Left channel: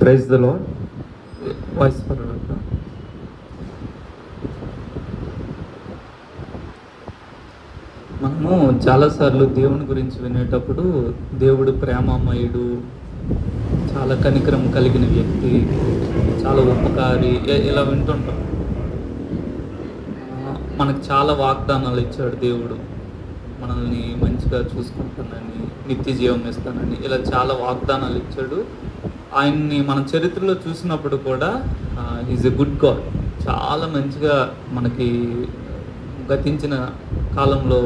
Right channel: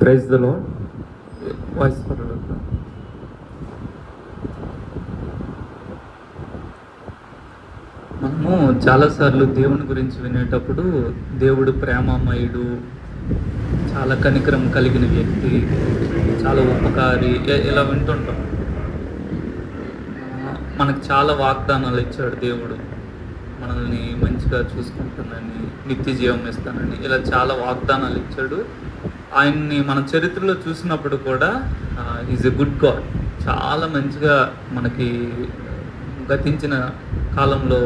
Praise the lord. Voice మనము చాలాసార్లు దేవుని గురించి వినేటప్పుడు దేవుడు ప్రేమమయుడు, చాలా కనికరం కలిగిన వ్యక్తి, చాలా ఉపకారి ఇలా వింటుంటాం. మనకు చాలా వాగ్దానాలు ఇచ్చాడు దేవుడు. మనల్ని మంచిగా చూసుకుంటానని, నిత్య జీవం ఇస్తానని, ఇలా చాలా వాగ్దానాలు ఇచ్చాడు. ఆయన్ని మన చరిత్రలో చూసినప్పుడు కూడా ఈజ్ ఎ గుడ్ గాడ్. చాలా మంచిగా మనకి గతించిన కాలంలో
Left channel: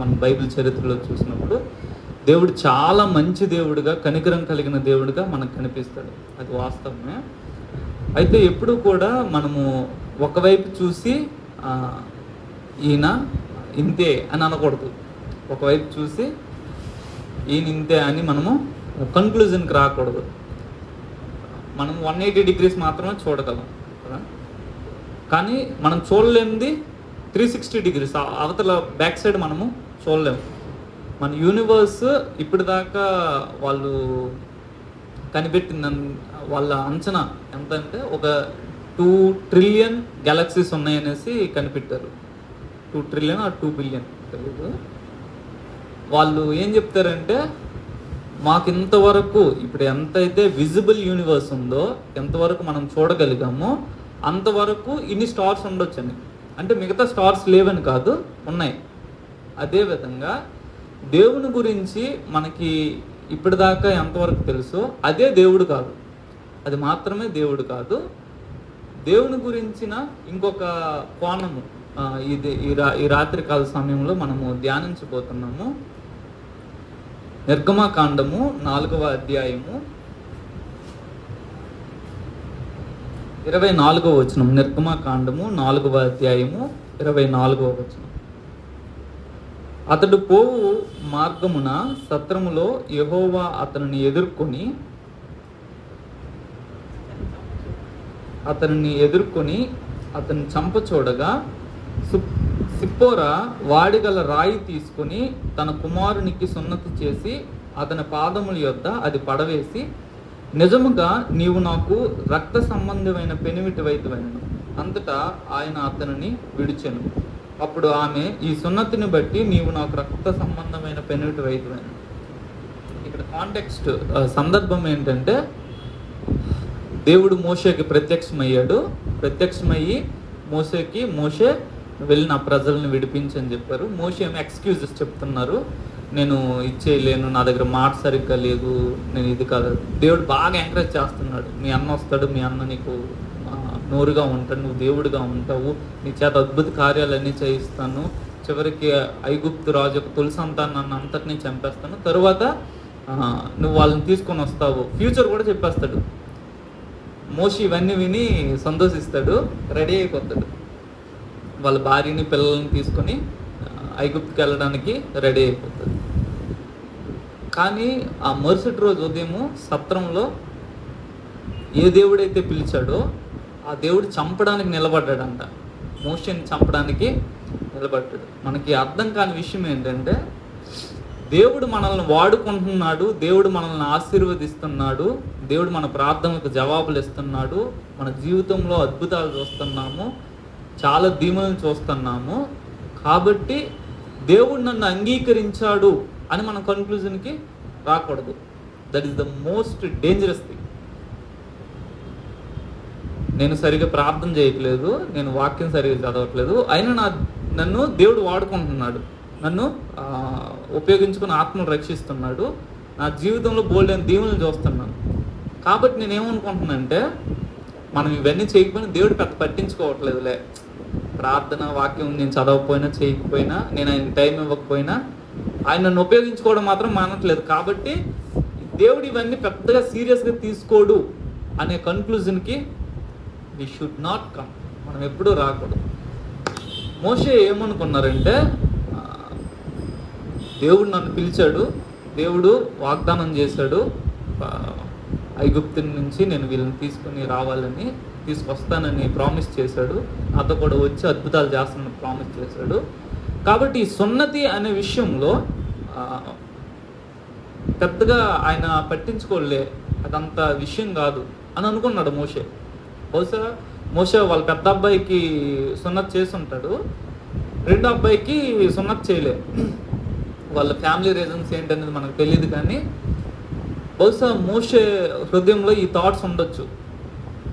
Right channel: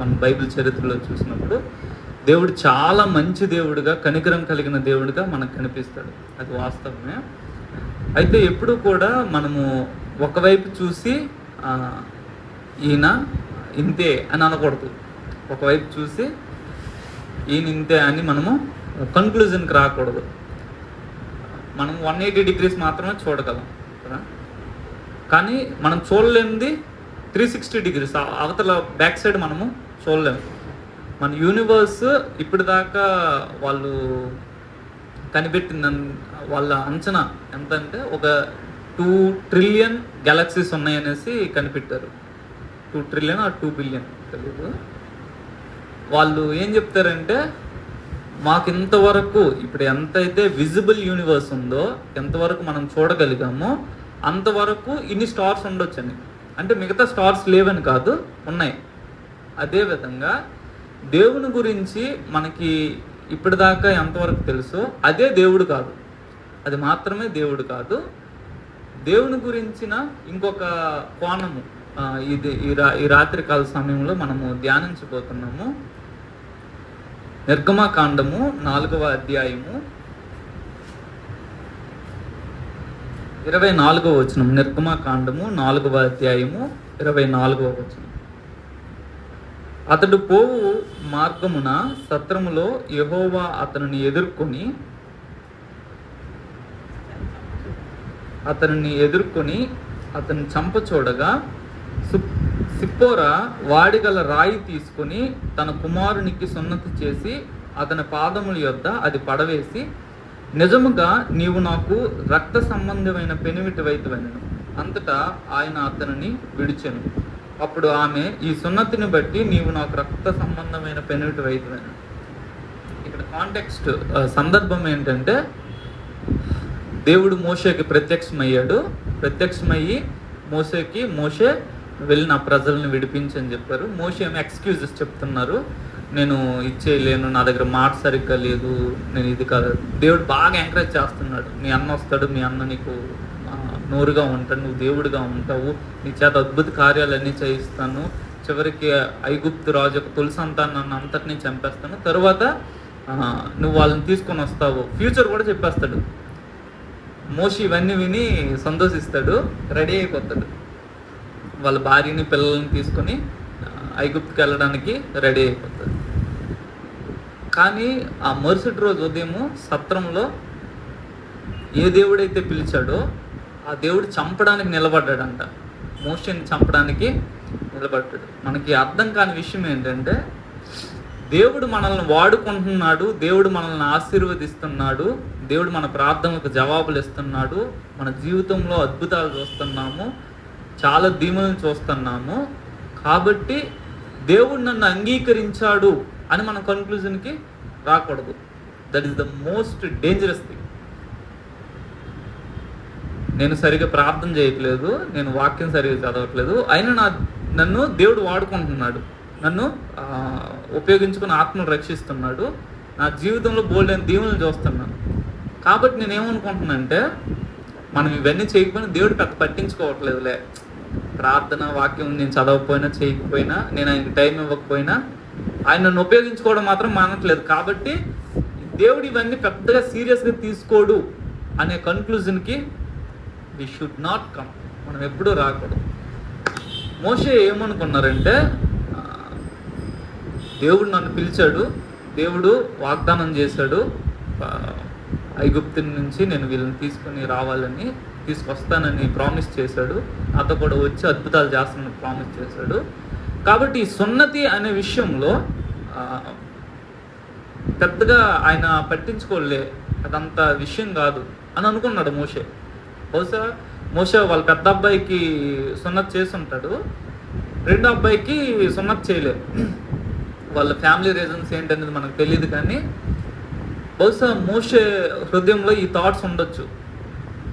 మన బైబిల్ చరిత్రలో చూసినప్పుడు దేవుడు చాలా మంచి దేవుడుగా, కనికరం కలిగిన దేవుడుగా మనకు కనిపిస్తాడు. అది వాస్తవమే. అయితే ఎప్పుడు కూడా మనము ఒకవైపు చూసి ఈయన ఇంతే అని అనకూడదు. ఒకవైపు చూసి ఈయన ఇంతే అని మనము కన్క్లూజన్కి రాకూడదు. మనం 180 degrees మాత్రమే చూడగలం కదా. కానీ మనం చూడలేనిది 360 degrees, అవతల బ్యాక్ సైడ్ మనము చూడలేము. మన యూనివర్స్ ఇప్పటిదాకా వాళ్ళు కనిపెట్టిన వాళ్ళ అంచనా ఎంత అంటే ఒక 2 trillion గెలాక్సీస్ ఉన్నాయనేసి కనిపెట్టారు. 2 trillion or 2 billion తెలియదు. వాళ్ళు ఏం చెప్తారంటే మాకు ఇంతవరకు ఇప్పుడు ఎంతైతే విజిబుల్ యూనివర్స్ ఉందో, ఎంతవరకు మనం చూడగలిగామో అంతవరకు ఇన్ని స్టార్స్ ఉండొచ్చని. అంటే మిగతా స్టార్స్ లేవని కాదు, ఉన్నాయి. అదేవిధంగా దేవుని గురించి మనకి ఇప్పటిదాకా ఎంతవరకు తెలుసో అదే దేవుడు కాదు, అది మాత్రమే దేవుడు కాదు. దేవుని గురించిన ఇంకొక కోణము ఈ రాత్రి కాల సమయంలో మనము ధ్యానించబోతున్నాము. నిర్గమకాండము 4వ అధ్యాయము 24వ వచనం. నిర్గమకాండము 4వ అధ్యాయము 24వ వచనం. అతడు పోవు మార్గమున సత్రములో యెహోవా అతనిని ఎదుర్కొని అతన్ని చంపచూడగా సిప్పోరా వాడిగల రాయి తీసుకుని తన కుమారునికి సున్నతి చేసి అతని పాదముల యొద్ద అది పడవేసి, నిజముగా నీవు నాకు రక్త సంబంధమైన పెనిమిటివైతువైనను. అంతటా ఆయన అతనిని విడిచెను. అప్పుడు ఆమె, ఈ సున్నతిని బట్టి నీవు నాకు రక్త సంబంధమైన పెనిమిటివైతువైనను. ఇక్కడ కాంటెక్స్ట్ సందర్భం ఏంటంటే, దేవుడు మోషేకి ప్రత్యక్షమయ్యి మోషే వెళ్ళి నా ప్రజల్ని విడిపించని చెప్పారు. మోషే ఏమో ఎక్స్క్యూజెస్ చెప్తున్నారు. నేను ఇచ్చేయలేను, నా దగ్గర మాట సరిగ్గా లేదు, నేను ఇది కాదు. దేవుడు బాగా ఎంకరేజ్ చేస్తున్నాడు. మీ అన్న వస్తాడు, మీ అన్న నీకు నోరుగా ఉంటాడు, నువ్వు దేవుడిగా ఉంటావు, నీ చేత అద్భుత కార్యాలన్నీ చేయిస్తాను, చివరికి ఐగుప్తు రాజు యొక్క తొలి సంతానాన్ని అంతటినీ చంపేస్తాను, తరువాత నువ్వు వాళ్ళని తీసుకొని వస్తావు, ఫ్యూచర్ కూడా చెప్పేస్తాడు. మోషే ఇవన్నీ విని సంతోషిస్తాడు, రెడీ అయిపోతాడు. వాళ్ళ భార్యని పిల్లల్ని తీసుకొని ఐగుప్తుకి వెళ్ళడానికి రెడీ అయిపోతాడు. కానీ ఆ మరుసటి రోజు ఉదయము సత్రంలో ఏ దేవుడైతే పిలిచాడో ఆ దేవుడు చంపడానికి నిలబడ్డాడంట. మోషేని చంపడానికి నిలబడ్డాడు. మనకి అర్థం కాని విషయం ఏంటంటే, దేవుడు మనల్ని వాడుకుంటున్నాడు, దేవుడు మనల్ని ఆశీర్వదిస్తున్నాడు, దేవుడు మన ప్రార్థనలకు జవాబులు ఇస్తున్నాడు, మన జీవితంలో అద్భుతాలు చూస్తున్నాము, చాలా దీవెనలు చూస్తున్నాము. కాబట్టి దేవుడు నన్ను అంగీకరించాడు అని మన కన్క్లూజన్కి రాకూడదు. That is the most dangerous thing. నేను సరిగా ప్రార్థన చేయట్లేదు, నేను వాక్యం సరిగా చదవట్లేదు, అయినా నన్ను దేవుడు వాడుకుంటున్నాడు, నన్ను ఉపయోగించుకుని ఆత్మను రక్షిస్తున్నాడు, నా జీవితంలో బోల్డైన దీవెనలు చూస్తున్నాను. కాబట్టి నేనేమనుకుంటున్నానంటే, మనం ఇవన్నీ చేయకపోయినా దేవుడు పెద్ద పట్టించుకోవట్లేదులే. ప్రార్థన వాక్యం నేను చదవకపోయినా చేయకపోయినా, నేను ఆయనకి టైం ఇవ్వకపోయినా ఆయన నన్ను ఉపయోగించుకోవడం మాత్రం మానట్లేదు. కాబట్టి దేవుడు ఇవన్నీ పెద్దగా సీరియస్గా తీసుకోడు అనే కన్క్లూజన్కి వి షుడ్ నాట్ కమ్. మనం ఎప్పుడూ రాకూడదు. మోషే ఏమనుకున్నారంటే, దేవుడు నన్ను పిలిచాడు, దేవుడు వాగ్దానం చేశాడు, ఐగుప్తు నుంచి నేను వీళ్ళని తీసుకొని రావాలని, తీసుకొస్తానని ప్రామిస్ చేశాడు, నాతో కూడా వచ్చి అద్భుతాలు చేస్తానని ప్రామిస్ చేశాడు. కాబట్టి ఈ సున్నతి అనే విషయంలో పెద్దగా ఆయన పట్టించుకోలే. అదంత విషయం కాదు అని అనుకున్నాడు మోషే. బహుశా మోషే వాళ్ళ పెద్ద అబ్బాయికి సున్నత్ చేసి ఉంటాడు, రెండో అబ్బాయికి సున్నత్ చేయలేదు. వాళ్ళ ఫ్యామిలీ రీజన్స్ ఏంటనేది మనకు తెలియదు, కానీ బహుశా మోషే హృదయంలో ఈ థాట్స్ ఉండొచ్చు.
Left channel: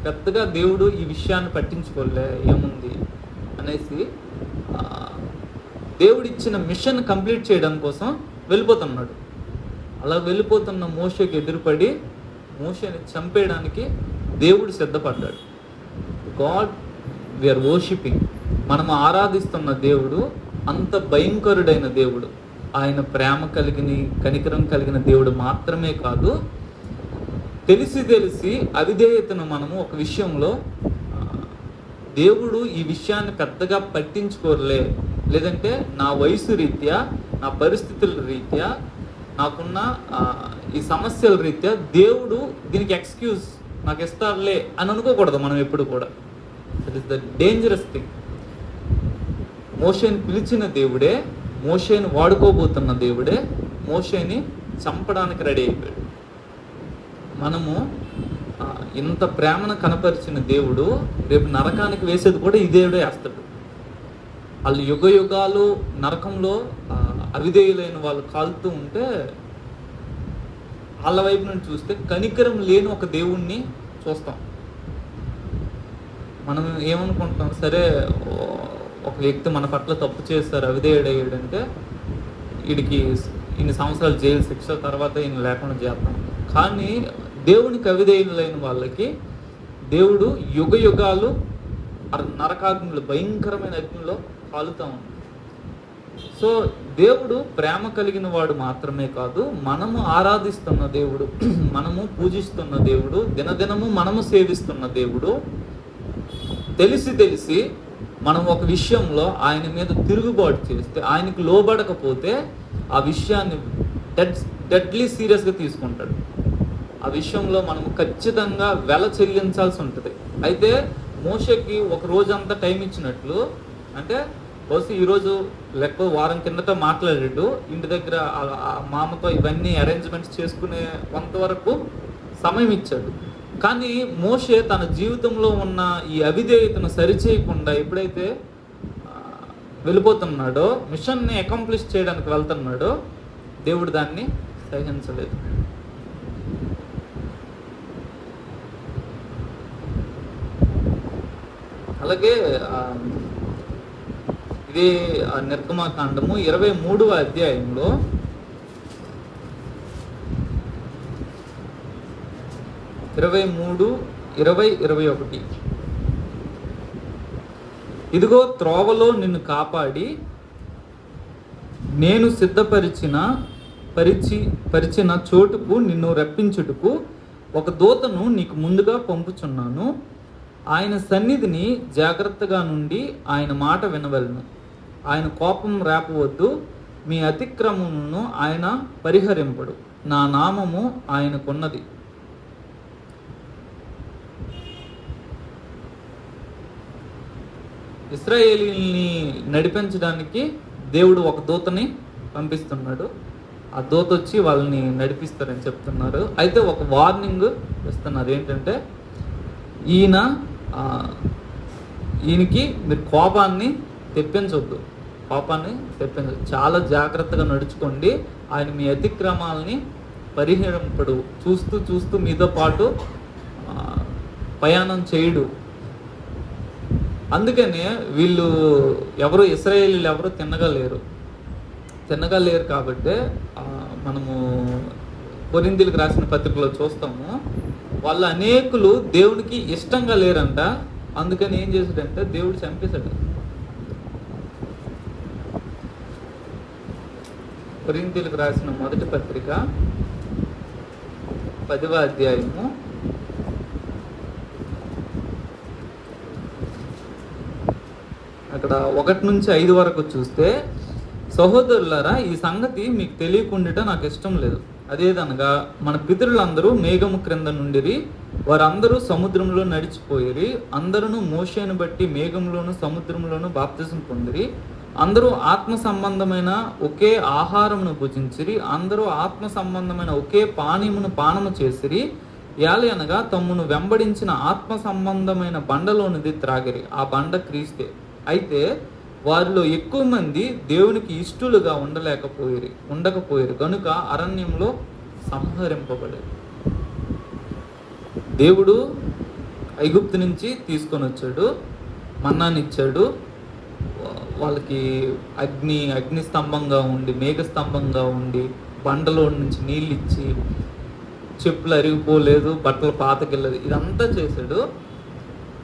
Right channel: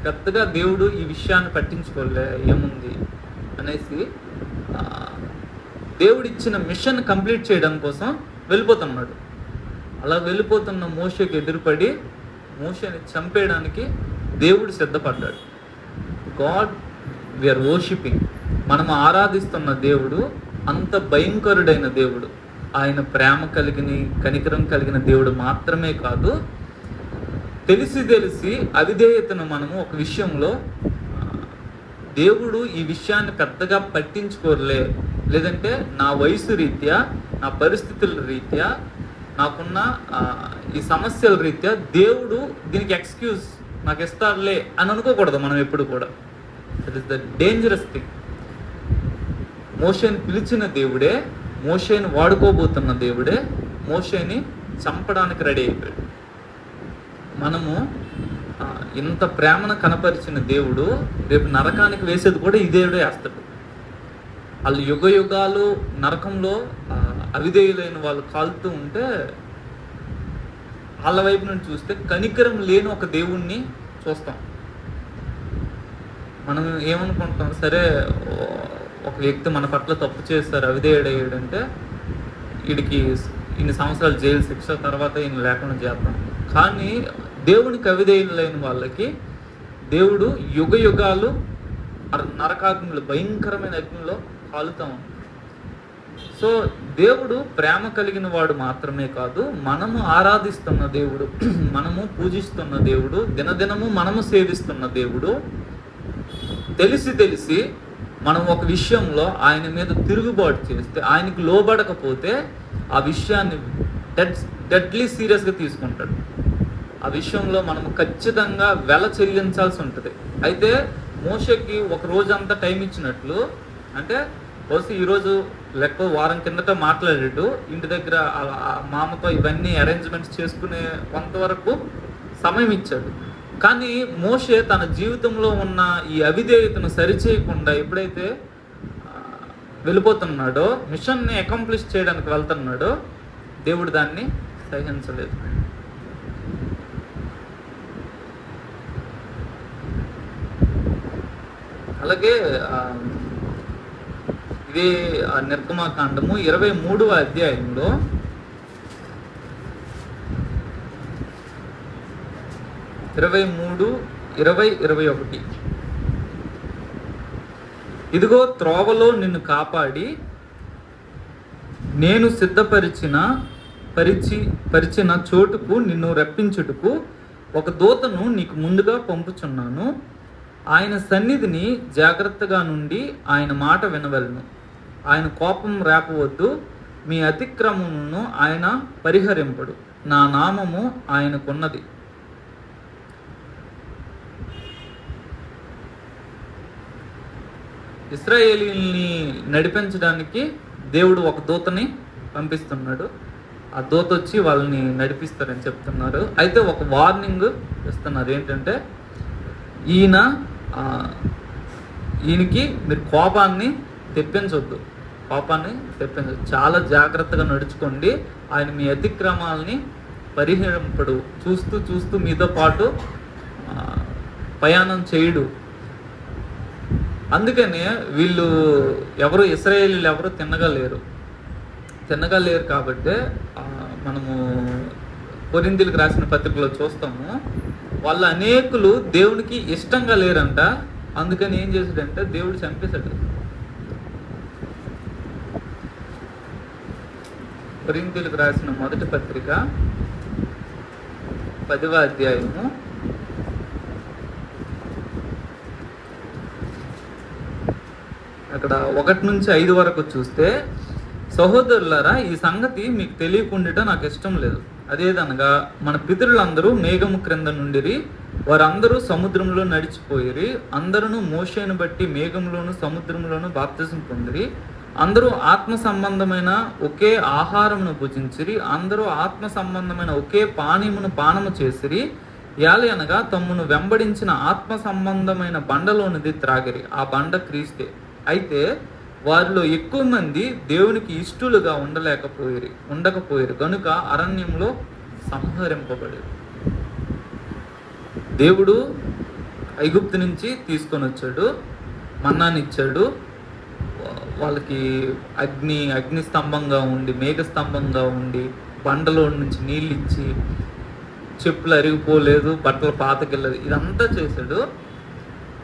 పెద్దగా దేవుడు ఈ విషయాన్ని పట్టించుకోలే, ఏముంది అనేసి దేవుడు ఇచ్చిన మిషన్ కంప్లీట్ చేయడం కోసం వెళ్ళిపోతున్నాడు. అలా వెళ్ళిపోతున్న మోషేకి ఎదురుపడి మోషేని చంపేయడానికి దేవుడు సిద్ధపడ్డాడు. గాడ్ వీఆర్ వర్షిపింగ్, మనం ఆరాధిస్తున్న దేవుడు అంత భయంకరుడైన దేవుడు. ఆయన ప్రేమ కలిగిన, కనికరం కలిగిన దేవుడు మాత్రమే కాదు, తెలిసి అవిధేయతను మనము ఒక విషయంలో దేవుడు ఈ విషయాన్ని పెద్దగా పట్టించుకోలే, లేదంటే నా వయసు రీత్యా, నా పరిస్థితుల రీత్యా, నాకున్న ఈ సమస్యల రీత్యా దేవుడు దీనికి ఎక్స్క్యూజ్ నాకు ఇస్తారులే అని అనుకోకూడదు మనం ఎప్పుడు కూడా. That is the dangerous thing. మోషేని పిలిచిన దేవుడే, మోషేని వాడుకోబోతున్న దేవుడే మోషేని చంపడానికి రెడీ అయిపోయాడు. మనము ఇంత ప్రేమను కనపరిచిన దేవుడు రేపు నరకానికి వేసేది కూడా ఈ దేవుడే వేస్తాడు. వాళ్ళు యుగ యుగాలు నరకంలో అవిధేయులైన వాళ్ళు కాలుతూ ఉంటే వాళ్ళ వైపు నుండి చూస్తే కనికరం లేని ఒక దేవుణ్ణి చూస్తాం. మనం ఏమనుకుంటాం, సరే ఒక వ్యక్తి మన పట్ల తప్పు చేస్తారు, అవిధేయుడయ్యాడంటే వీడికి ఇన్ని సంవత్సరాలు జైలు శిక్ష, తర్వాత ఈయన లేకుండా చేద్దాం. కానీ దేవునికి అవిధేయులైన వాళ్ళకి దేవుడు యుగ యుగాలు నరకాగ్నిలో, భయంకరమైన అగ్నిలో కాలుతా ఉంది. సో దేవుడు ప్రేమ కలిగిన వాడు మాత్రమే కాదు, మనము ఆరాధిస్తున్న దేవుడు, మనము పూజిస్తున్న దేవుడు, దినదినము మనము సేవిస్తున్న దేవుడు. తెలిసి మనం ఒక విషయంలో ఆయన మీద తిరుగుబాటు చేస్తే, ఆయనకు లోబడకపోతే ఆ విషయాన్ని డెడ్లీ సీరియస్గా తీసుకుంటాడు. ఆ విషయంలో మనం ఖచ్చితంగా వెల చెల్లించాల్సి ఉంటుంది. అయితే మోషేకి ఒక రోజంతా టైం ఇచ్చినట్లు, అంటే బహుశా ఈరోజు లెక్క వారం కిందట మాట్లాడాడు, ఇంటి దగ్గర మామతో ఇవన్నీ అరేంజ్మెంట్స్ చేసుకునే కొంతవరకు సమయం ఇచ్చాడు. కానీ మోషే తన జీవితంలో ఉన్న ఈ అవిధేయతను సరిచేయకుండా ఎప్పుడైతే వెళ్ళిపోతున్నాడో, మిషన్ని అకాంప్లిష్ చేయడానికి వెళ్తున్నాడో, దేవుడు దాన్ని సహించలేదు. అలాగే ఇదే నిర్గమాకాండము 23వ అధ్యాయంలో 23, 20, 21 ఇదిగో త్రోవలో నిన్ను కాపాడి నేను పరిచిన చోటుకు నిన్ను రప్పించుటకు ఒక దూతను నీకు ముందుగా పంపుచున్నాను. ఆయన సన్నిధిని జాగ్రత్తగా నుండి ఆయన మాట వినవలను. ఆయన కోపం రేపవద్దు, మీ అతిక్రమమును ఆయన పరిహరింపడు. నా నామము ఆయనకున్నది. ఇశ్రాయేలీల్ని నడిపించడానికి దేవుడు ఒక దూతని పంపిస్తున్నాడు. ఆ దూత వచ్చి వాళ్ళని నడిపిస్తారని చెప్తున్నారు. అయితే ఒక వార్నింగ్ ఇస్తున్నారు, ఏంటంటే ఈయనకి మీరు కోపాన్ని తెప్పించొద్దు, చాలా జాగ్రత్తగా నడుచుకోండి. ఆయన మీ అతిక్రమాలని పరిహరింపడు, చూస్తూ మీతో పాటు ప్రయాణం చేయడు. అందుకనే వీళ్ళు ఎవరు, ఇశ్రాయేలీలు ఎవరు తిన్నగలేరు కాబట్టి మనము కొరింథీయులకు రాసిన పత్రికలో చూస్తాము, వాళ్ళు అనేకులు దేవునికి ఇష్టంగా లేరంట. అందుకని ఏం చేశాడంటే దేవుడు చంపేశాడు. కొరింథీయులకు రాసిన మొదటి పత్రిక 10వ అధ్యాయము అక్కడ 1 నుంచి 5 వరకు చూస్తే, సహోదరులారా, ఈ సంగతి మీకు తెలియకుండా నాకు ఇష్టం లేదు. అదేదనగా మన పితరులందరూ మేఘము క్రింద నుండిరి, వారందరూ సముద్రంలో నడిచిపోయిరి. అందరూ మోషేను బట్టి మేఘంలోను సముద్రంలోను బాప్తిజం పొందిరి. అందరూ ఆత్మ సంబంధమైన ఒకే ఆహారమును భుజించిరి. అందరూ ఆత్మ సంబంధమైన ఒకే పానీయమును పానము చేసిరి. యాలి అనగా తమ్మును వెంబడించిన ఆత్మ సంబంధమైన బండలోనిది త్రాగిరి. ఆ బండ క్రీస్తే. అయితే వారిలో ఎక్కువ మంది దేవునికి ఇష్టలుగా ఉండకపోయారు కనుక అరణ్యంలో సంహరింపబడేది. దేవుడు ఐగుప్తు నుంచి తీసుకొని వచ్చాడు, మన్నానిచ్చాడు. వాళ్ళకి అగ్ని స్తంభంగా ఉండి, మేఘ స్తంభంగా ఉండి, బండలో నుంచి నీళ్ళు ఇచ్చి, చెప్పులు అరిగిపోలేదు, బట్టలు పాతకెళ్ళదు, ఇదంతా చేశాడు.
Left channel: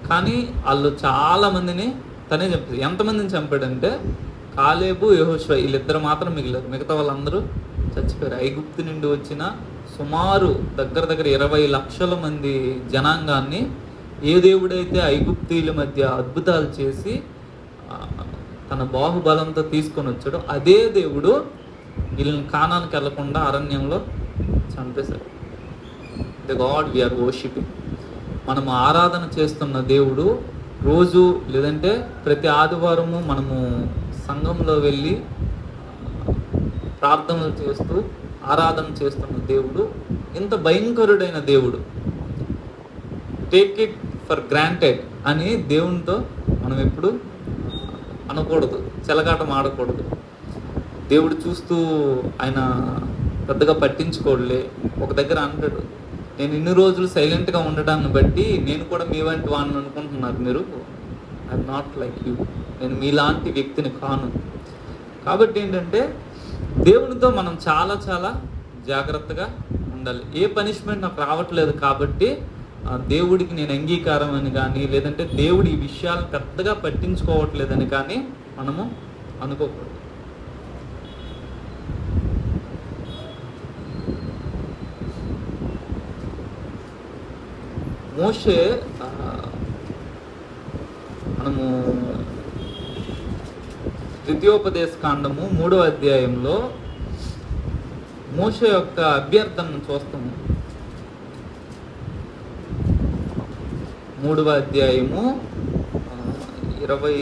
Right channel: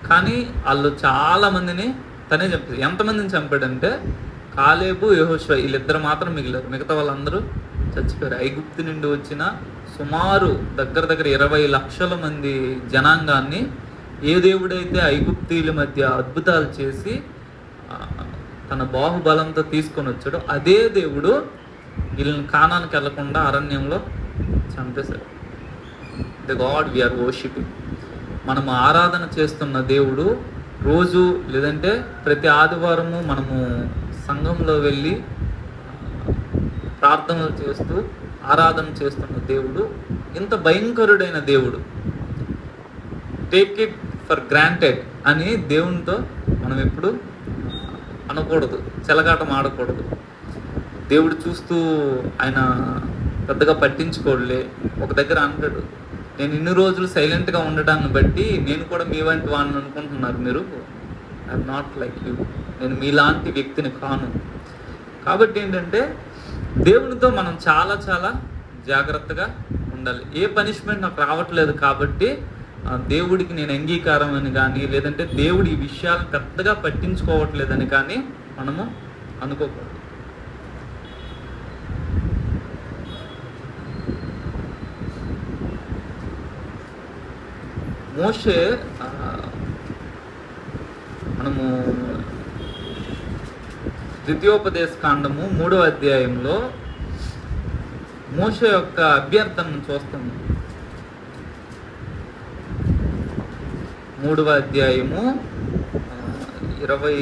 కానీ వాళ్ళు చాలా మందిని తనే చంపాడు. ఎంతమందిని చంపాడంటే కాలేబు, యెహోషువ వీళ్ళిద్దరు మాత్రం మిగిలారు. మిగతా వాళ్ళందరూ చచ్చిపోయారు. ఐగుప్తు నుండి వచ్చిన సుమారు దగ్గర 20 లక్షల మంది జనాంగాన్ని ఏ దేవుడైతే ఐగుప్తీయుల మధ్య అద్భుతాలు చేసి తన బాహుబలంతో తీసుకొని వచ్చాడో అదే దేవుడు వీళ్ళని కానానికి వెళ్లకుండా అరణ్యంలో చంపేశాడు. The god we are worshipping. మనము ఆరాధన చేస్తున్న దేవుడు రోజు లేదంటే ప్రతి ఆదివారము మనము సంఘంలో వెళ్ళి ప్రార్థనలు చేస్తూ ఆరాధన చేస్తున్న దేవుడు ఇంత భయంకరుడైన దేవుడు. టేక్ ఇట్ ఫర్ గ్రాంటెడ్ అని దేవునితో మనం ఎప్పుడు అనకూడదు, చెలగాటం ఆడకూడదు. దేవుడు చూస్తూ ఆయన పెద్దగా పట్టించుకోడులే. ఒక దగ్గర అంటాడు, నేను ఇన్ని రోజులు సైలెంట్గా ఉండడాన్ని బట్టి నేను కూడా మీ వంటి వాడిని అనుకుంటున్నారు మీరు. I'm not like you. నేను మీలాంటి వ్యక్తిని కాను. కాబట్టి ఏంటంటే దేవునితో మనం చాలా చాలా జాగ్రత్తగా ఉండాలి. ఏ పనిష్మెంట్ నాకు రావట్లేదు కాబట్టి దేవుడికి నేను అంగీకారం అని కానీ, లేదంటే దేవుడు ఈ విషయాలు పెద్దగా పట్టించుకోవట్లేదని కానీ మనము అనుకోకూడదు. మోషే మనము ద్వితీయోపదేశ కాండము 3వ అధ్యాయంలో మోషే యొక్క అభ్యర్థనను చూస్తాము. 3వ అధ్యాయము 20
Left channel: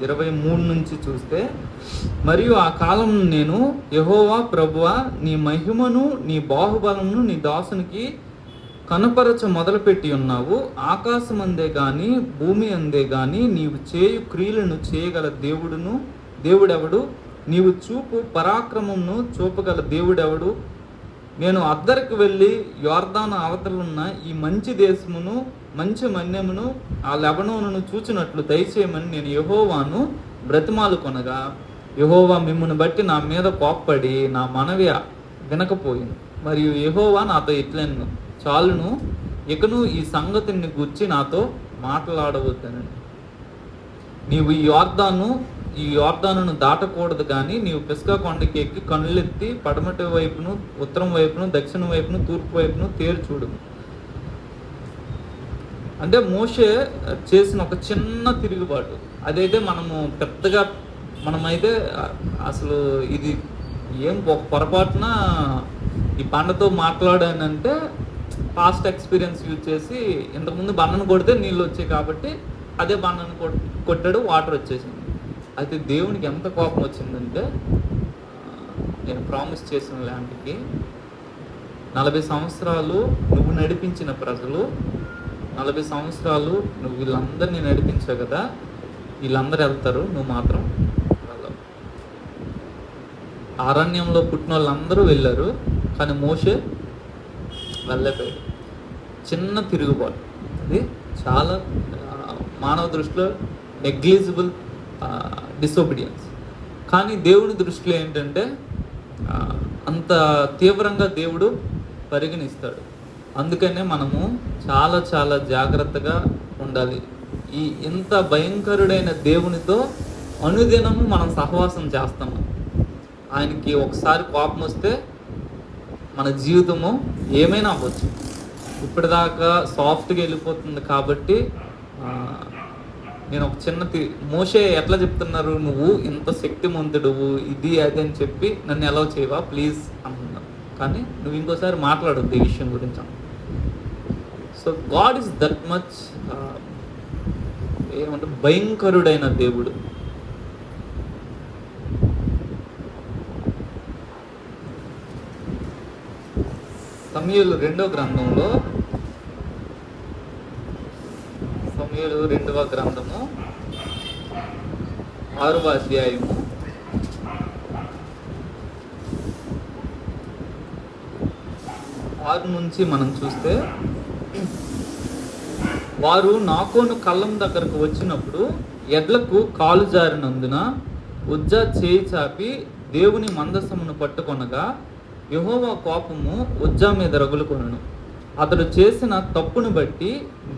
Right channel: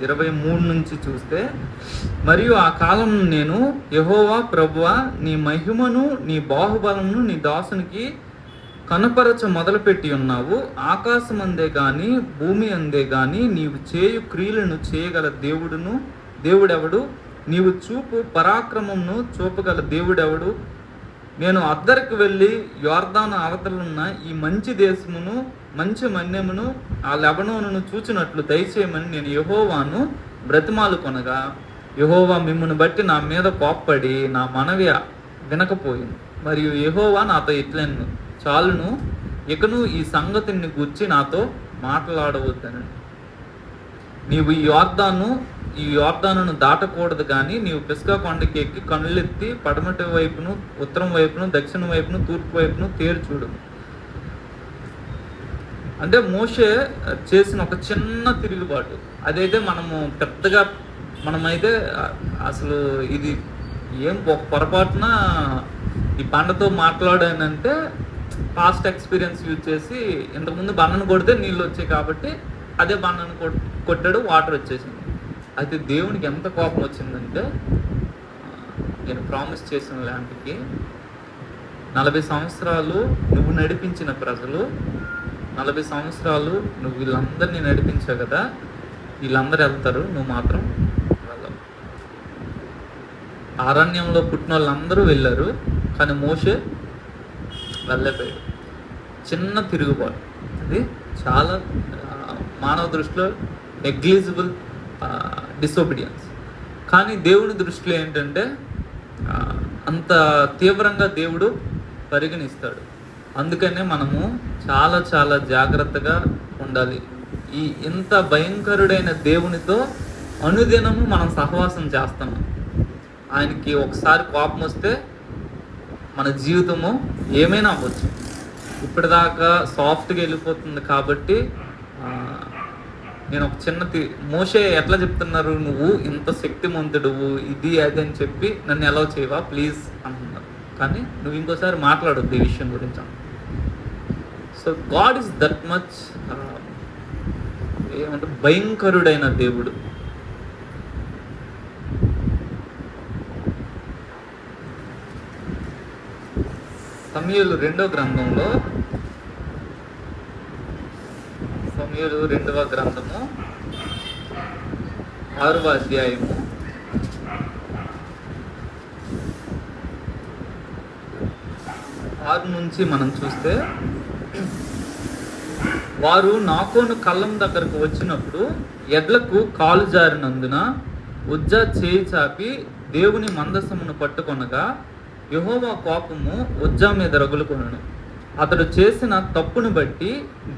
23 నుంచి చూస్తే, మరియు ఆ కాలం నేను యెహోవా ప్రభువా, నీ మహిమను నీ బాహుబలమును నీ దాసునికి కనపరచ మొదలుపెట్టి ఉన్నావు. ఆకాశం అందే గాని భూమి అందే గాని నీవు చేయు క్రియలను చేయగల దేవుడెవడు? నీవు చూపు పరాక్రమమును చూపగల దేవుడెవడు? నేను అద్దరికి వెళ్ళి యోర్దాను అవతలున్న ఈ మంచి దేశమును మంచి మన్యమును ఆ లెబనోనును చూచినట్లు దయచేయమని నేను యెహోవాను బ్రతిమాలు కొనగా, యెహోవా మిమ్మును బట్టి నా మీద కోప్పడి నా మనవి వినకపోయింది. మరియు యెహోవా నాతో ఇట్లెను, చాలును, ఇకను ఈ సంగతిని గూర్చి నాతో మాట్లాడవద్దని. నీవు ఈ యోర్దానును దాటకూడదు కానీ నీవు పిస్గా కొండకి ఎక్కి కనులెత్తి పడమటి వైపును, ఉత్తరం వైపును, దక్షిణ వైపును, తూర్పు వైపును చూడు. అంటే మోషే చేసిన ఒక చిన్న తిరుగుబాటు. అదైతే మనమైతే అసలు ఇది ఏం పొరపాటున ఈ బండతో మాట్లాడానంటే పాస్ట్ ఎక్స్పీరియన్స్ యూజ్ చేసి ఇంతకుముందు బండను కొడితే నీళ్ళు వచ్చాయి కాబట్టి అదే బండను కొట్టాడు, వాటర్ వచ్చేసింది. అయితే దేవునికి ఎంత కోపం వచ్చిందంటే, నేను ప్రామిస్ చేసిన ల్యాండ్కి 40 సంవత్సరాలు నువ్వు నడిపించిన ప్రజలు, 40 సంవత్సరాలు నువ్వు వీళ్ళందరినీ నడిపించావు కదా, వీళ్ళందరూ వెళ్తారు, నువ్వు మాత్రం వెళ్ళవు. అరణ్యంలో పుట్టిన వాళ్ళందరూ వెళ్ళారు, కానీ మోషే వెళ్ళపోయాడు. చిన్న తిరుగుబాటు. అది చాలా మానవ దృష్టిలో నెగ్లిజిబుల్ డిసోబీడియన్స్. కానీ దేవుని దృష్టిలో ఏంటంటే అంత తీవ్రంగా దేవుడు పరిగణిస్తాడు. అందుకనే మనము చాలా చాలా జాగ్రత్తగా ఉండాలి. ఈ ఇంత భయంకరుడైన దేవునితో అనుదినము మనం సహవాసం చేస్తాము. ఆయనకి ఒకసారి కోపం వస్తే మన జీవితము ఏమైనా అవ్వచ్చు. ఇప్పటిదాకా సాఫ్ట్గా వెళ్ళిపోతుంది కాబట్టి నేను ఒక చిన్న మోషే ఎట్లా చెప్తున్నారు, నువ్వు ఇంత శక్తిమంతుడువు ఇది అది అని చెప్పి నన్ను ఎలా చేయవా ప్లీజ్ అంటున్నారు. కానీ నువ్వు ఇంకోసారి మాట్లాడొద్దు ఈ విషయం గురించి. So God is that much ఏమంటారు, భయంకరుడైన దేవుడు. సమూయేలు 2వ గ్రంథంలో, సమూయేలు 2వ గ్రంథము 6వ అధ్యాయము 6 నుంచి మనం చూస్తే, వారు నాకోను కళ్ళం దగ్గరకు వచ్చినప్పుడు ఎడ్లకు కాలు జారినందున ఉజ్జా చేయి చాపి దేవుని మందసమును పట్టుకొనగా యెహోవా కోపము ఉజ్జా మీద రగులుకొనెను. అతడు చేసిన తప్పును బట్టి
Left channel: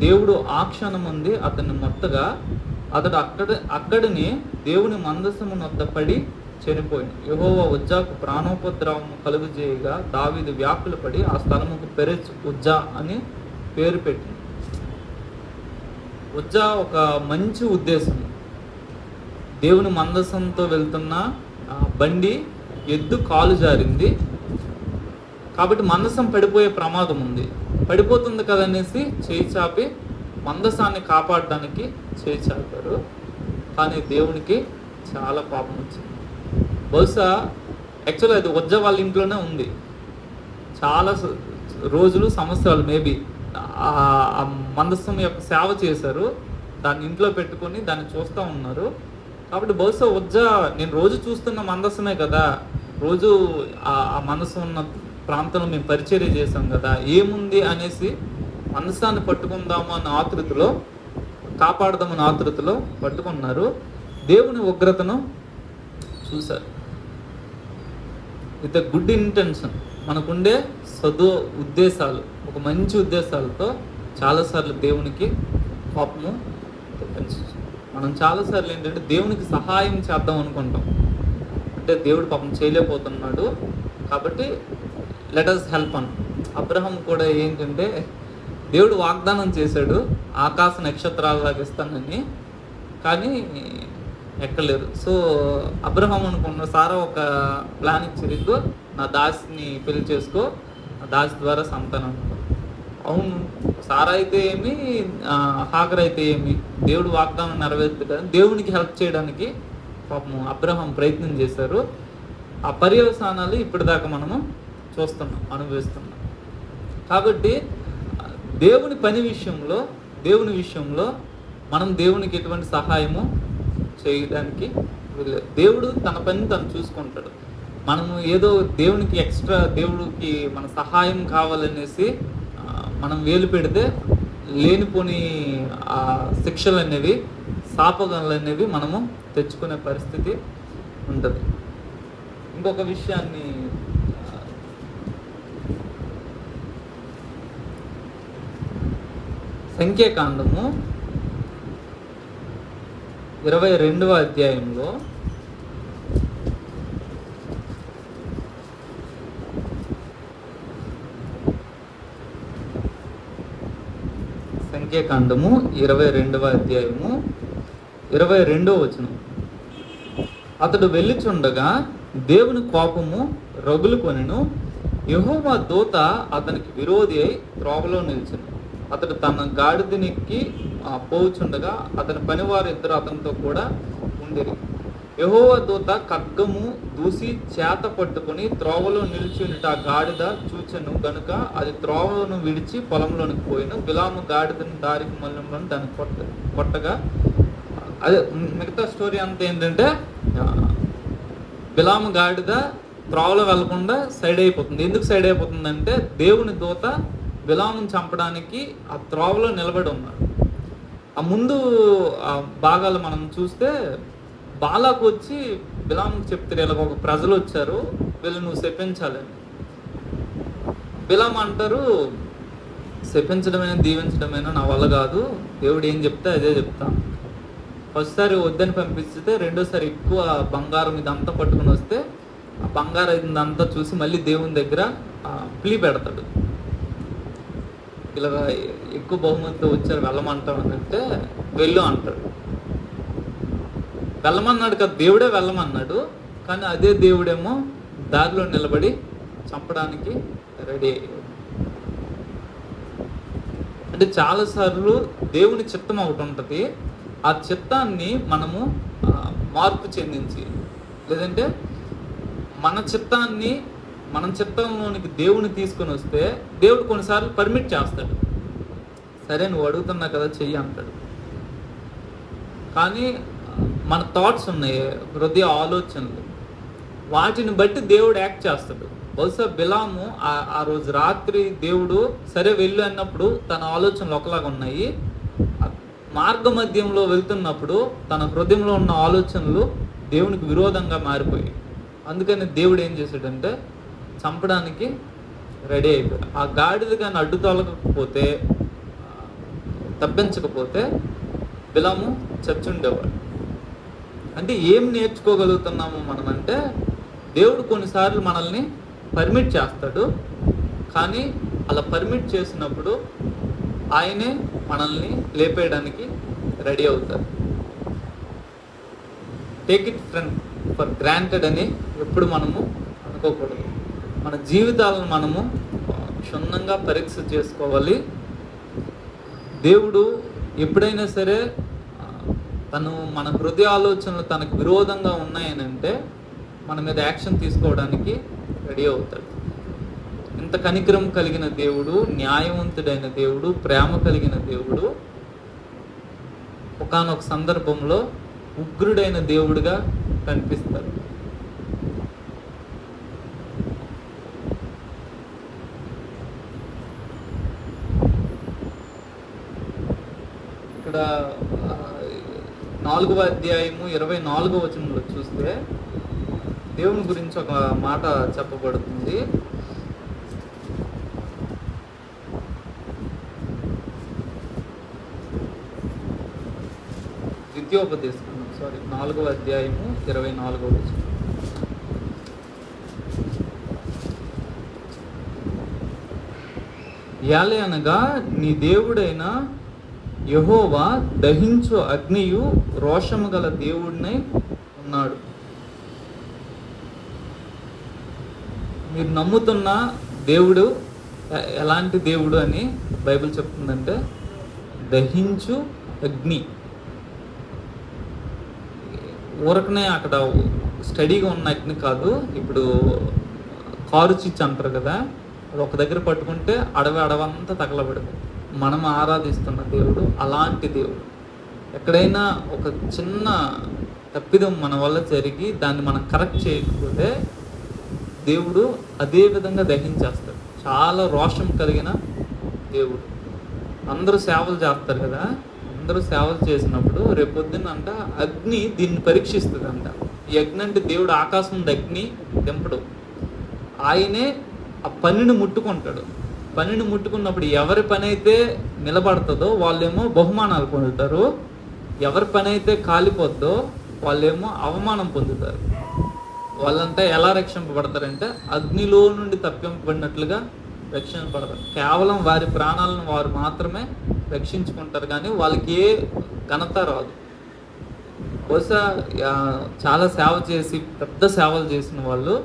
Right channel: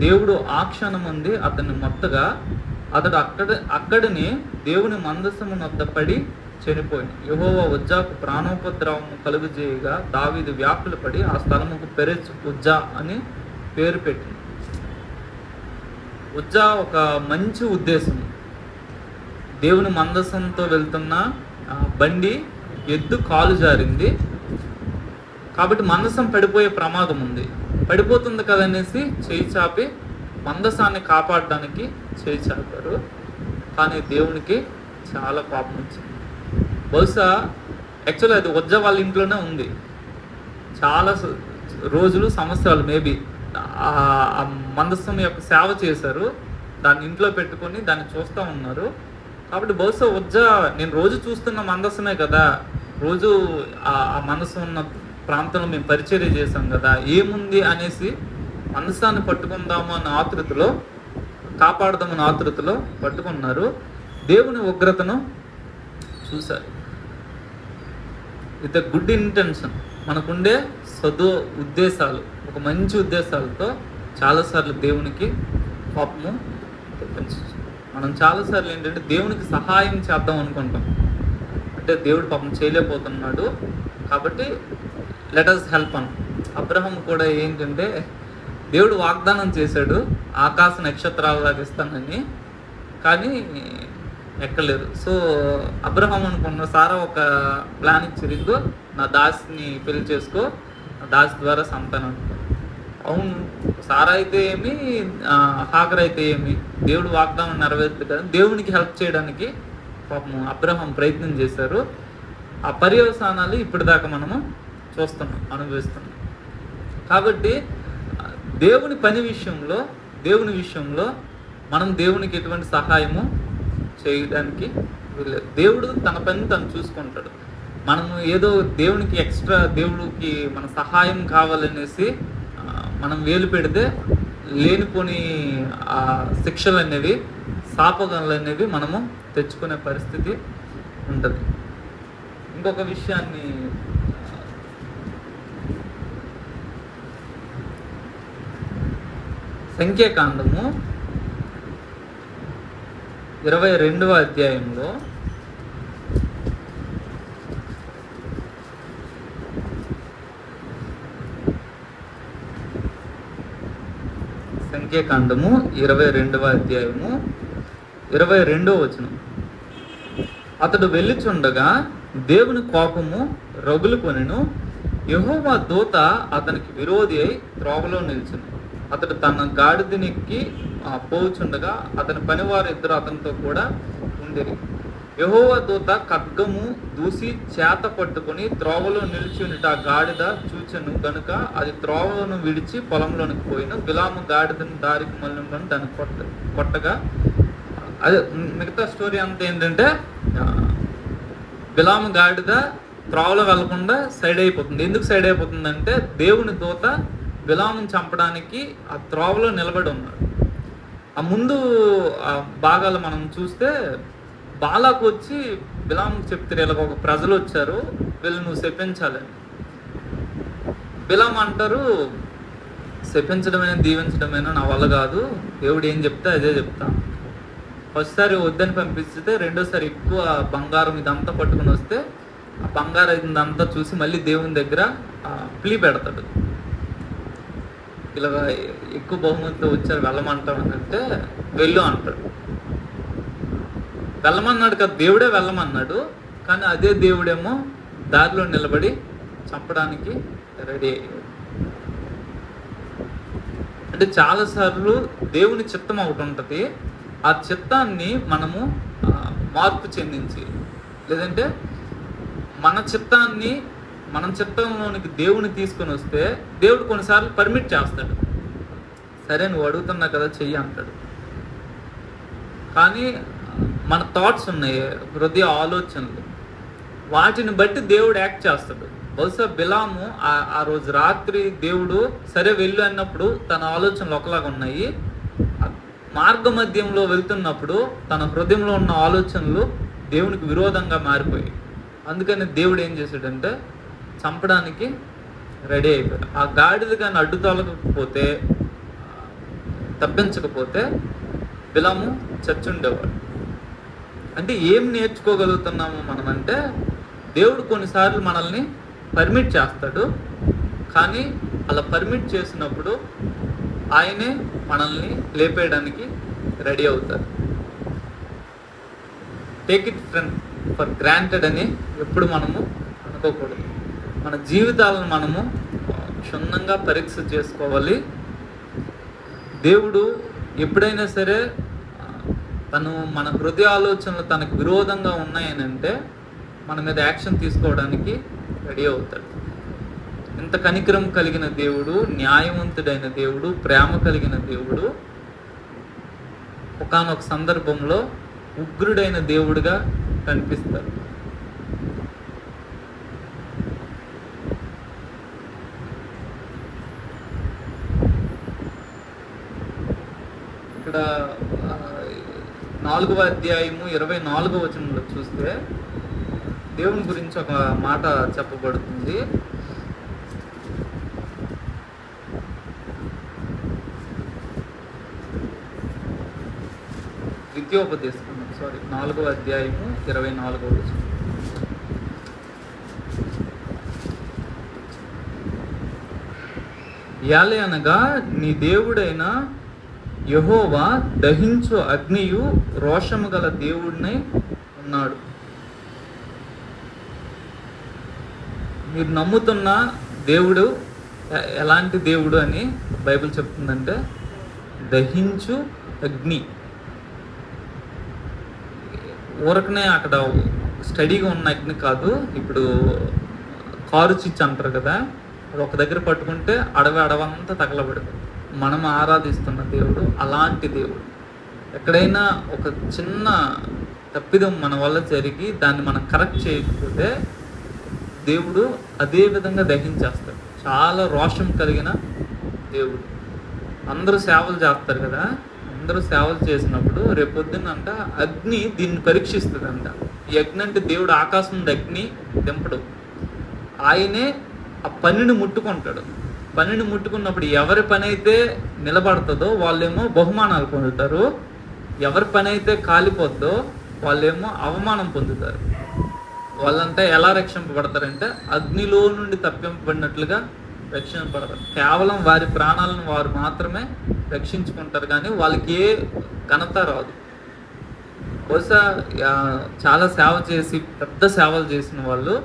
దేవుడు ఆ క్షణమంది అతన్ని మొత్తగా అతడు అక్కడనే దేవుని మందసమును వద్ద పడి చనిపోయింది. యెహోవా ఉజ్జాకు ప్రాణోపద్రవము కలుగజేయగా దావీదు వ్యాకులు పడి ఆ స్థలముకు పెరెచ్ ఉజ్జా అని పేరు పెట్టింది. ఉజ్జా ఒక మంచి ఉద్దేశం. దేవుని మందసంతో వెళ్తున్న బండి ఎద్దు కాలు జారింది కాబట్టి మందసం పడిపోయే ప్రమాదం ఉంది. పడిపోతుంది కదనేసి చేయి చాపి మందసాన్ని కాపాడడానికి చేయి చాపారు. కానీ దేవునికి చాలా పాపం వచ్చింది. బహుశా యాక్చువల్గా అది ఉజ్జా వాళ్ళ ఇంట్లోనే ఉంది. చాలా రోజులు, సంవత్సరాలు మేబీ ఆ మందసం యొక్క సేవ చేశారు. దాన్ని ఇంట్లో పెట్టుకొని దాన్ని చూస్తూ ఉన్నారు. కాబట్టి బహుశా ఉజ్జా, నేను రోజు చూస్తున్న మందసమే కదా, రోజు ఆ మందసం ఉన్న ప్రాంతంలో మేము పరిచర్య చేసాం కదా, ఏముంది అనేసి మందసాన్ని పట్టుకుందాము అన్న ఆతృతలో, కాపాడదామన్న ఆతృతలో పట్టుకున్నారు. దేవుని ఉగ్రతను చూశారు. విత్ గుడ్ ఇంటెన్షన్, మనకుండే ఉద్దేశాలు, ఒక మంచి ఉద్దేశాలతో చాలాసార్లు దేవునికి కోపము తెప్పించవచ్చు. మనం చాలాసార్లు ఏంటంటే దేవునికి సహాయం చేద్దాం అనుకుంటాం. అంటే దేవుడు పాపం చేయలేకపోతున్నాడు కాబట్టి లెట్ us హెల్ప్ అని. అబ్రహాం కూడా ఏంటంటే దేవుడు వాగ్దానం చేశాడు ఆకాశ నక్షత్రాలలాగా ఇస్తానని, కానీ ఎక్కలేదు. సో అబ్రహాం అనుకున్న సారా ఒక ప్లాన్ ఇచ్చారు, నా దాసిని పెళ్లి చేసుకో, నా దాసి ద్వారా సంతానం. అవును, సారా అయితే ఏమి, హాగర్ అయితే ఏమి, దేవుడు వాగ్దానం నెరవేర్చుతుంది కదా, దేవునికి హెల్ప్ చేయడానికి పాపం అబ్రహాం ప్రయత్నం చేశారు. ఆ పర్యవసానాలు ఇప్పటిదాకా మనము చూస్తున్నాం, అనుభవిస్తున్నాం. కాబట్టి దేవుని పని విషయంలో, దేవుని విషయంలో మనం దేవునికి ఎటువంటి సహాయము చేయడానికి వీల్లేదు. దేవుడు తన పని తను చూసుకుంటాడు. మనము ఏదో దేవునికి ఎక్స్ట్రా, దేవుడికి మన సహాయం కావాలనేసి మనం వేలు పెడితే లేనిపోని ఆ శిక్షలు అనేవి, శాపగలు అనేవి మనము తెచ్చుకునే పరిస్థితి ఉంటుంది. ఇంకొక విషయాన్ని, సంఖ్యాకాండము 22వ అధ్యాయంలో సంఖ్యాకాండము 22వ అధ్యాయము 22వ వచనం. అతడు వెళ్ళుచుండగా దేవుని కోపము రగులుకొనెను. యెహోవా దూత అతనికి విరోధి అయి త్రోవలో నిలిచెను. అతడు తన గాడిదనెక్కి పోచుండగా అతని పనివారు ఇద్దరు అతనితో కూడా ఉండిరి. యెహోవా దూత ఖడ్గము దూసి చేత పట్టుకొని త్రోవలో నిలిచి ఉండి ఆ గాడిద చూచెను గనుక అది త్రోవను విడిచి పొలంలోనికి పోయిన. బిలాము గాడిదను దారికి మళ్ళీ దాన్ని కొట్టగా, అదే మిగతా స్టోరీ అంతా ఏంటంటే, బిలాము గాడిద త్రోవలో వెళ్లకుండా సైడ్ అయిపోతుంది. ఎందుకు సైడ్ అయిపోతుందంటే దేవుని దూత బిలామును చంపడానికి ఆ త్రోవలో నిలబడి ఉన్నాడు. ఆ ముందు భాగాలు మనం చూస్తే బాలాకు వచ్చి బిలాముకు చెప్తారు, ఇలా ఒక ప్రజలు వచ్చారు, వీళ్ళు నువ్వు శపించాలని. బిలాం అంటారు, శపించడమైనా దీవించడమైనా నా వల్ల కాదు, దేవుడు ఏం చెప్తే అదే చెప్తా. ఫస్ట్ సారి వద్దని పంపిస్తే రెండోసారి ఎక్కువ బంగారం ఇదంతా పట్టుకుని వస్తే ఆ బంగారం ఇదంతా చూసి మళ్ళీ దేవుని దగ్గర ప్లీ పెడతాడు. ఇలా ఎక్కువ బహుమతితో వచ్చారు, వెళ్ళమంటాడు అంటే వెళ్ళు అంటాడు. వెళ్ళమన్నాడు కదా, దేవుడే వెళ్ళమన్నాడు. కానీ అదే దేవుడేమో దారిలో నిలబడి చంపడానికి రెడీ అయ్యాడు. అంటే చాలాసార్లు దేవుని చిత్తం ఒకటి ఉంటుంది, ఆ చిత్తాన్ని మనము మార్పు చెందించి, లేదంటే మన చిత్తంలోనికి దేవుని తీసుకొని వస్తే దేవుడు కొన్నిసార్లు పర్మిట్ చేస్తాడు. సరే నువ్వు అడుగుతున్నా కదా చెయ్యి అంటాడు. కానీ మన థాట్స్ ఉన్నాయి, హృదయ ఆలోచనలు, వాటిని బట్టి దేవుడు యాక్ట్ చేస్తాడు. బహుశా బిలాము ఆ రోజు రాత్రి దేవుడు సరే వెళ్ళు అన్నప్పుడు తన ఆలోచనలు ఒకలాగా ఉన్నాయి, మార్గ మధ్యంలో వెళ్తున్నప్పుడు తన హృదయంలో ఉన్న ఆలోచనలు దేవునికి విరోధంగా మారిపోయాయి. అందుకని దేవుడు ఏం చేశాడంటే చంపడానికి రెడీ అయిపోయాడు. ఆ గాడిద కానీ అడ్డు తొలగకపోతే, తప్పించకపోతే బిలాము చచ్చుండేవాడు. అంటే ఏం నేర్చుకోగలుగుతున్నాము మనం అంటే, దేవుడు కొన్నిసార్లు మనల్ని పర్మిట్ చేస్తాడు, కానీ అలా పర్మిట్ చేసినప్పుడు ఆయనే మనల్ని లేపేయడానికి రెడీ అవుతారు. టేక్ ఇట్ ఫర్ గ్రాంటెడ్ అని ఎప్పుడు మనము అనుకోకూడదు. మన జీవితాలను మనము క్షుణ్ణంగా పరీక్ష చేసుకోవాలి. దేవుడు ఎప్పుడైనా సరే మన హృదయ ఆలోచనలు తనకు విరోధంగా ఉన్నాయని అంటే మన మీద యాక్షన్ తీసుకోవడానికి రెడీ అవుతాడు. ఇంత కనికరం కలిగిన దేవుడు, న్యాయవంతుడైన దేవుడు, ప్రేమ కలిగిన దేవుడు ఒకానొక సందర్భంలో ఉగ్రుడైన దేవుడిగా కనిపిస్తారు. ఇక్కడ 4వ అధ్యాయము 24వ వచనంలో చూస్తే దేవుని గురించి ఒక మాట చెప్పబడుతుంది. ద్వితీయోపదేశం 4వ అధ్యాయము 24వ వచనం. యాలే అనగా నీ దేవుడైన యెహోవా దహించు అగ్నియు రోషము గల దేవుడినై ఉన్నాడు. మీరు నమ్ముతున్న దేవుడు ఎలాంటి దేవుడు అని బైబిల్ చెప్తుందంటే దహించు అగ్ని. ఊరకనే అక్కడ స్టడీగా ఉన్న అగ్ని కాదు. ఇప్పుడు కారు చిచ్చు అంటారు కదా, అది ఒక దగ్గర పట్టుకుంటే అడవంతా తగలబడదు. మనం ఆరాధిస్తున్న దేవుడు అలాంటి దేవుడు. ఎక్కడైనా ఒక చిన్న తప్పిదం మన వల్ల జరిగి దాన్ని మనం కరెక్ట్ చేయకపోతే దేవుడు అదే విధంగా దహించేస్తాడు. చాలా రోషం కలిగిన దేవుడు. అందరూ సేవలు చేస్తారు కదా, అందరూ సేవలు చేసినప్పుడు రేపొద్దున అంట అగ్ని దీన్ని పరీక్షిస్తుంది అంట. ఈ అగ్ని అంటే దేవుడు ఆకాశం నుండి అగ్ని దింపడు, ఆయనే ఆ పనిని ముట్టుకుంటాడు. పనిని ముట్టుకున్నప్పుడు ఎవరి పని అయితే నిలబడుతుందో వాళ్ళేమో బహుమానాలు పొందుతారు, ఎవరి పని అయితే కాలిపోద్దో వాళ్ళేమో అవమానం పొందుతారు. వాళ్ళంతా ఎలా రక్షింపబడతారంటే అగ్నిలో నుండి తప్పింపబడినట్లుగా రక్షింపబడతారు. కేవలం వారి ప్రాణాలను వారు మాత్రమే రక్షించుకుంటారు, కానీ వాళ్ళకి ఏ ఘనత రాదు. బహుశా చాలా సేవ చేసి పెద్ద సేవలు చేసిన వాళ్ళు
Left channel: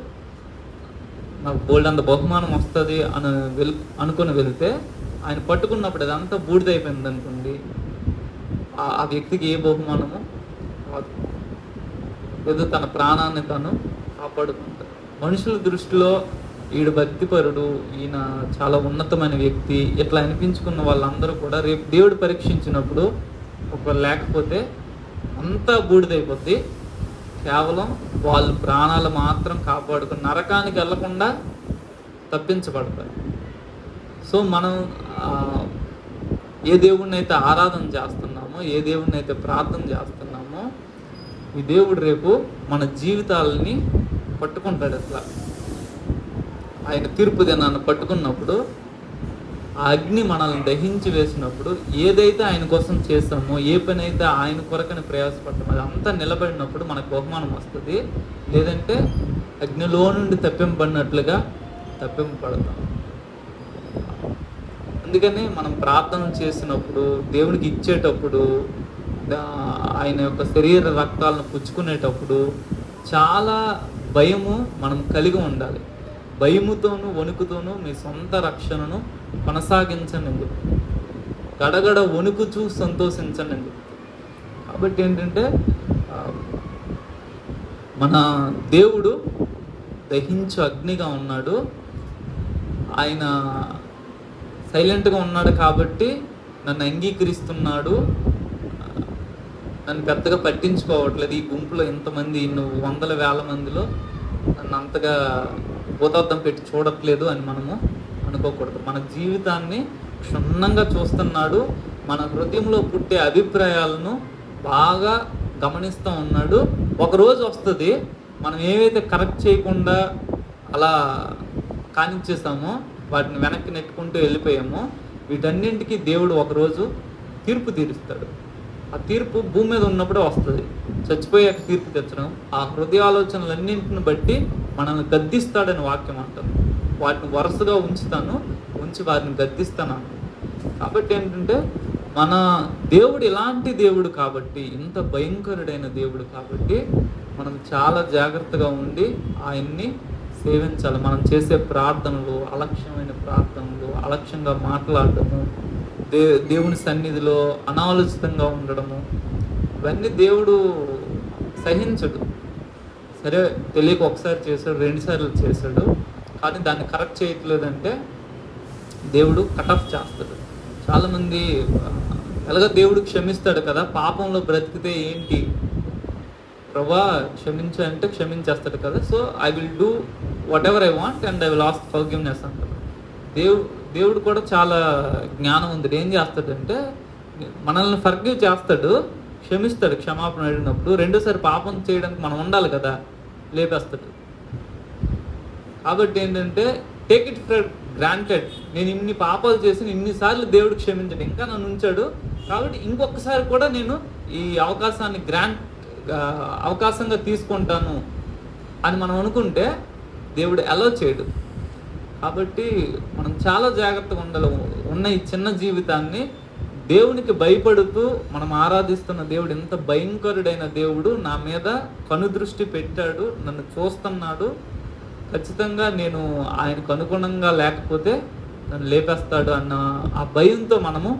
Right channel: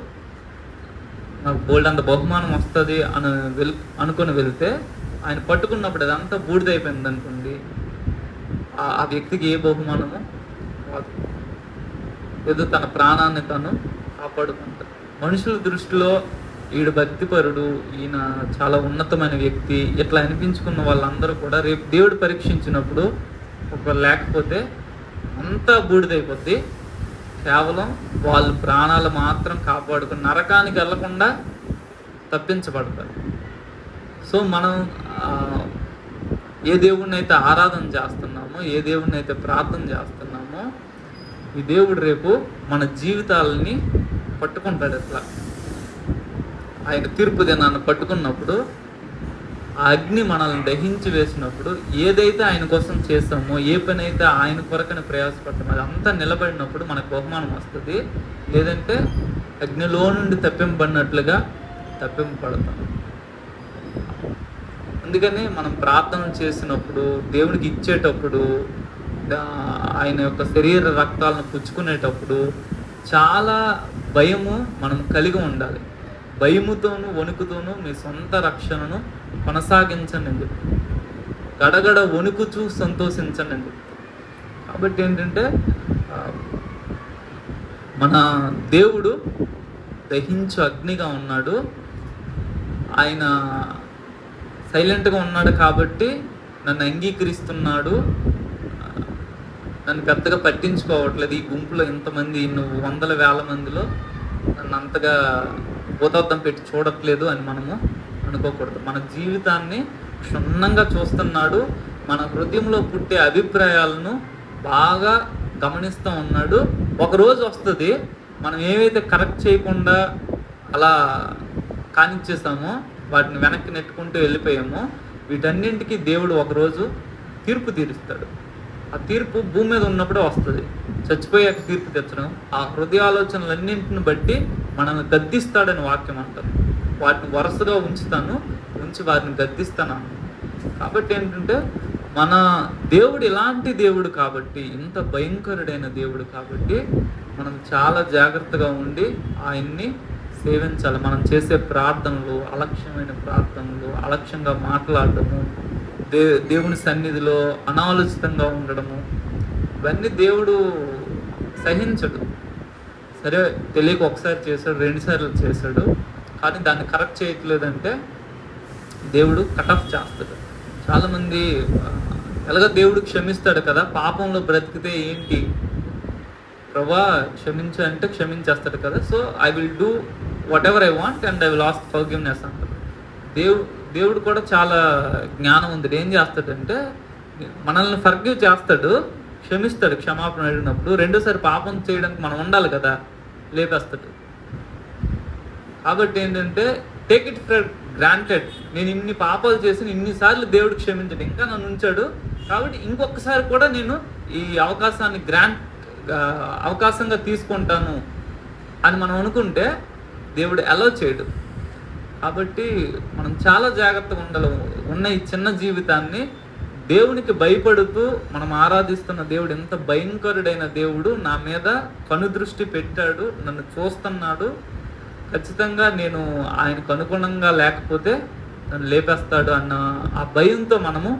నాకు బోల్డ్ అంత బహుమానం వస్తుంది అనుకుని వెళ్తే ఆయన పట్టుకున్నప్పుడు అదంతా బూడిదైపోయింది అనుకోండి, ఆ వ్యక్తికి ఏ బహుమానము రాదు. ఏదో తన ప్రాణాన్ని తను కాపాడుకుంటారు. మనుషుల దృష్టిలో ఈడు భక్తిపరుడు, ఈయన చాలా ఉన్నతమైన వ్యక్తి ఇట్లా అనిపించుకున్న వాళ్ళందరూ కూడా రేపు దేవుడు పరీక్షించినప్పుడు ఒక లేకపోతే అంతా బూడిదైపోద్ది. కేవలం వాళ్ళు ప్రాణాలు మాత్రం కాపాడుకుని నరకానికి వెళ్లకుండా తప్పించబడతారు. సో మనం ఏ దేవుడిని అయితే ఆరాధన చేస్తున్నామో, ఏ దేవుడిని అయితే ప్రార్థన చేస్తున్నామో, ఈ దేవుడు రేపు మన జీవితాలని పట్టుకుంటాడు. ఎట్లా ఆయన తీర్పు దినాన్ని పట్టుకున్నప్పుడు ఆ అగ్ని మనల్ని దహించి వేసినప్పుడు ఏదైతే ఆయన కోసం చేస్తామో, ఏ పని అయితే ఆయన కొరకని ప్రయాసపడతామో అది అంతా నిలబడినప్పుడు మనకు బహుమానం వస్తుంది. లేదంటే అగ్నిలో నుండి తప్పింపబడినట్లుగా తప్పింపబడతాం. అందుకని మనం ప్రార్థన చేసినప్పుడు, దేవునికి ఇచ్చేటప్పుడు, ఆయన యొక్క శరీర రక్తాలను పుచ్చుకునేటప్పుడు చాలా భయము మనం కలిగి ఉండాలి. భయముతోనూ వణుకుతోనూ మీ సొంత రక్షణను కొనసాగించండి. గడగడ వణుకుచూ సంతోషించండి. కాబట్టి ఏంటంటే మన దేవుడు దహించు అగ్నిగా ఉన్నాడు. ఆయన సైలెంట్గా ఉన్నాడు కాబట్టి నన్ను అంగీకరిస్తున్నాడు, నన్ను పెద్దగా పట్టించుకోవట్లేదు. ఈ గుంపులో ఇంతమంది నువ్వు వందల వేల మందిలో నన్ను అంతగా భూతార్థం పెట్టి చూడట్లేదు అని మనము అనుకోకూడదు. మన జీవితాన్ని క్షుణ్ణంగా చూస్తున్నాడు. మన హృదయంలో పుట్టే అభిప్రాయాలను బాగా గమనిస్తూ ఉన్నాడు. ఒకరోజు వస్తుంది, మనం ఏవైతే కరెక్ట్ చేయకుండా అలా కానిచ్చేసామో, వాటిని వెనక్కి నెట్టుకుంటూ వెళ్ళిపోయామో, వీటన్నింటికి దేవుడు ఒకరోజు తీర్పు తీరుస్తాడు. ఆ తీర్పు భూమి మీద ఉన్నప్పుడే వస్తుంది. చచ్చిపోయాక తీర్పు తెచ్చడం, ఆ హృదయ ఆలోచనలన్నింటిని బట్టి మనల్ని గద్దిస్తాడని వాక్యం అంటారు. వాటిని వరుసగా ఉంచి వారిని గద్దిస్తాను. కాబట్టి ఏంటంటే మన దేవుడు ఇలాంటి దేవుడు కాబట్టి, ఇంత భయంకరుడైన దేవుడు కాబట్టి మనం చాలా జాగ్రత్తగా ఉండి ఆయన్ని సేవించాలి. మనం చేసే ప్రార్థనలు, అలక్ష్యంగా మాట్లాడటము, దేవుని సన్నిధిలో అనాలోచితంగా ఉండడము, ఇవన్నీ దేవుడు సహించడు. సరే, తెలియక ఒకసారి చేశాడు, 2 సార్లు చేశాడు, కానీ దాన్ని కరెక్ట్ చేయట్లేదంటే దేవుడు కటఫ్ చేస్తాడు. చాలామంది ఎలాగ దేవుడు క్షమిస్తాడు కదా, పాపంలో బ్రతికితే ఏంటి ప్రభా క్షమించంటే క్షమించేస్తాడు కదా, so I will do what ever I want and I will ask forgiveness అంటాడు. దేవుడు కూడా చాలా జ్ఞానం ఉంది. ఏం చేస్తాడంటే మనల్ని ఫర్గివ్ చేస్తాడు, క్షమిస్తాడు క్షమాపణ అడిగినప్పుడు. రెండోసారి పాపం చేయడానికి మనం ఉండాలి కదా, లేపేస్తాడు. కాబట్టి ఏంటంటే టేక్ ఇట్ ఫర్ గ్రాంటెడ్. నేను ఇన్ని పాపాలు చేసి ఇన్నిసార్లు దేవుడు క్షమించాడు, ఇంకా నన్ను ఉంచాడు, కాబట్టి ఇంకొకసారి కూడా నేను ఈ అవకాశాన్ని అవకాశంగా తీసుకుంటాను అని మనం అనుకుంటే దేవుడు అలో చేయడు. కాబట్టి మనం చాలా జాగ్రత్తగా ఉన్న ఈ చిన్న జీవితాన్ని దేవునికి భయపడుతూ మనం ఆరాధిస్తున్న దేవుడు ఎంత భయంకరుడైన దేవుడు, నా మీద కనుదృష్టి పెట్టాడు, నన్ను చూస్తున్నాడు, ఖచ్చితంగా నేను ఆయనకు అనుగుణంగా లేకపోతే నన్ను లేపేస్తాడు అన్న ఆ భయంతో మనము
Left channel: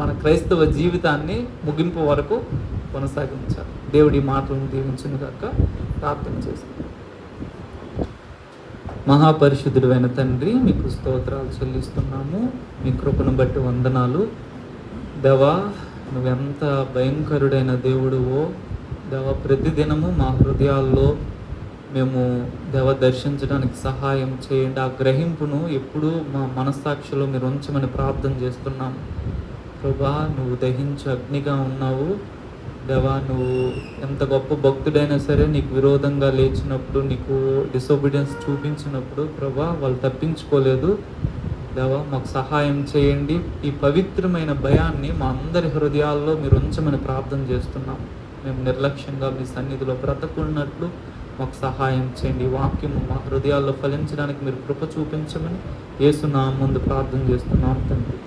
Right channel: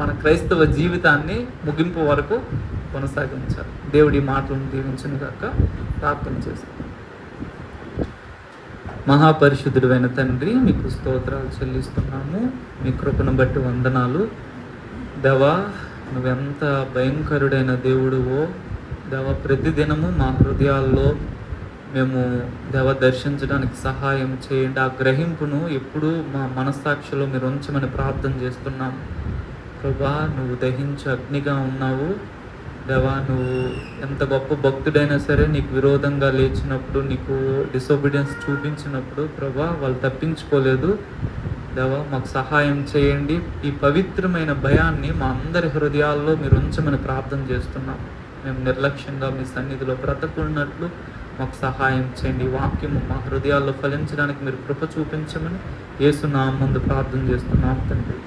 మన క్రైస్తవ జీవితాన్ని ముగింపు వరకు కొనసాగించాలి. దేవుడి మాటలను దీవించును గాక. ప్రార్థన చేస్తాం. మహాపరిశుద్ధుడైన తండ్రి, మీకు స్తోత్రాలు చెల్లిస్తున్నాము. మీ కృపను బట్టి వందనాలు. దేవా, నువ్వెంత భయంకరుడైన దేవుడువో దేవా, ప్రతిదినము మా హృదయాల్లో మేము దర్శించడానికి సహాయం చేయండి. ఆ గ్రహింపును ఎప్పుడూ మా మనస్సాక్షిలో మీరు ఉంచమని ప్రార్థన చేస్తున్నాము. ప్రభా, నువ్వు దహించు అగ్నిగా ఉన్నావు. దేవా, నువ్వు ఎంత గొప్ప భక్తుడైనా సరే నీకు విరోధంగా లేచినప్పుడు, నీకు డిసొబీడియన్స్ చూపించినప్పుడు ప్రభా వాళ్ళు తప్పించుకోలేదు. దేవా, మాకు సహాయం చేయండి. ఈ పవిత్రమైన భయాన్ని మా అందరి హృదయాల్లో మీరు ఉంచమని ప్రార్థన చేస్తున్నాం. మేము నిర్లక్ష్యంగా మీ సన్నిధిలో బ్రతకున్నట్లు మాకు సహాయం చేయండి. ఈ వాక్యము మా హృదయాల్లో ఫలించడానికి మీరు కృప చూపించమని యేసు నామమున ప్రార్థన చేస్తున్నాం తండ్రి.